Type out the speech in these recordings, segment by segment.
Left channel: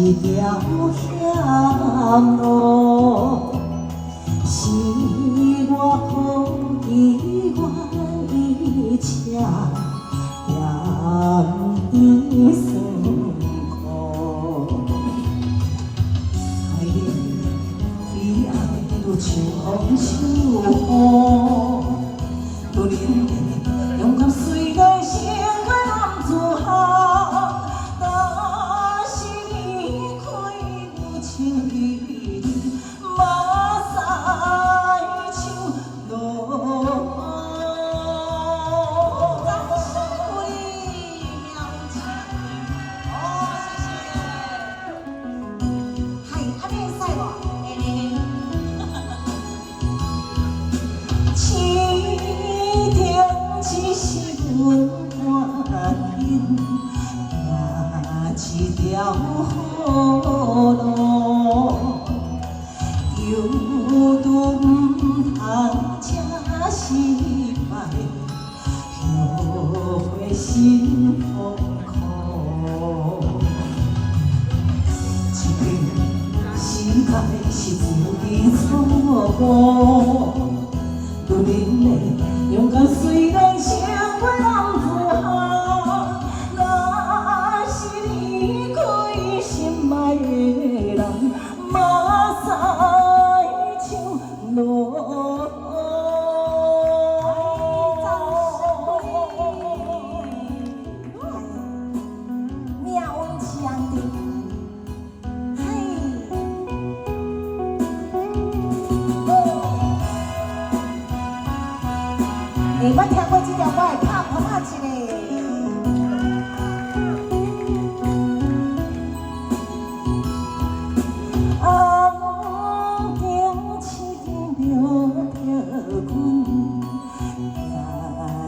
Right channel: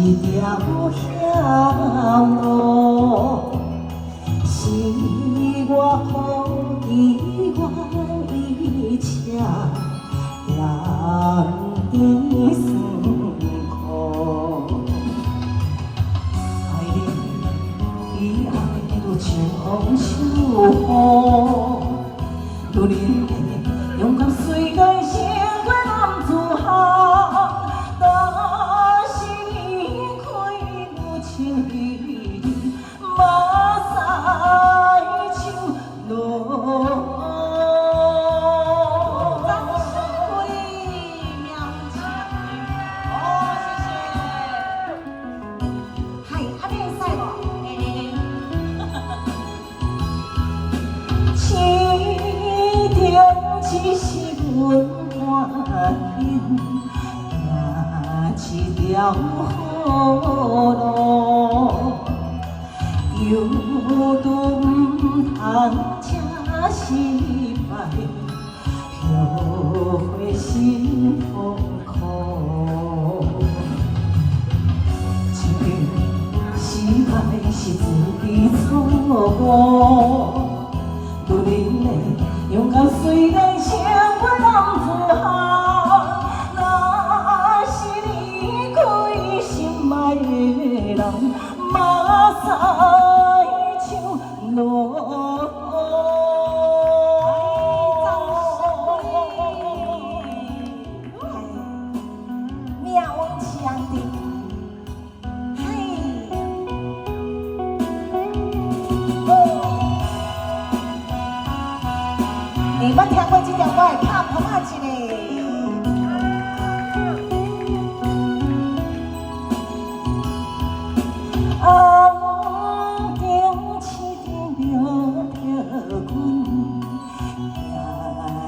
一条险路，是我好意愿意车，让伊酸苦。爱你比爱愈像风像雨，女人的勇敢虽然胜过男子汉。 只是阮愿意行一条好路，犹都唔通这失败，后悔心痛苦。一片失败是自己错误，女人的勇敢虽然。 你捌听过这条我会敲鼓仔一个。红灯市场留着阮，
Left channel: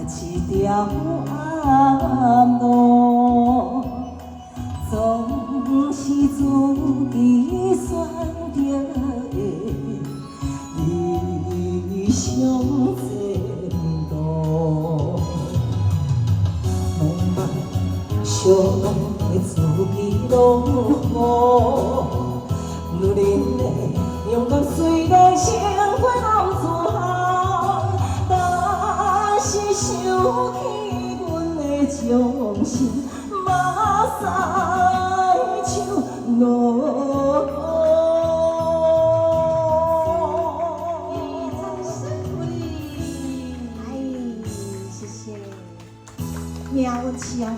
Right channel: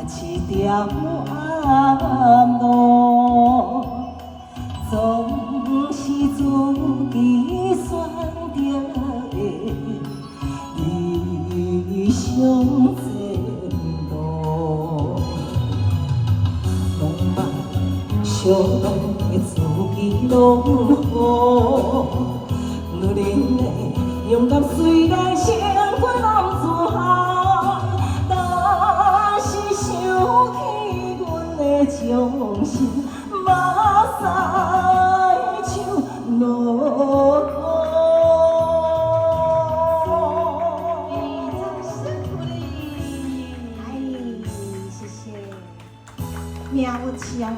行一条暗路，总是自己选择的理想。 相伴的自己拢好，女人的勇敢虽然胜过男子汉，但是想起阮的忠心，目屎像落雨。谢谢，喵枪。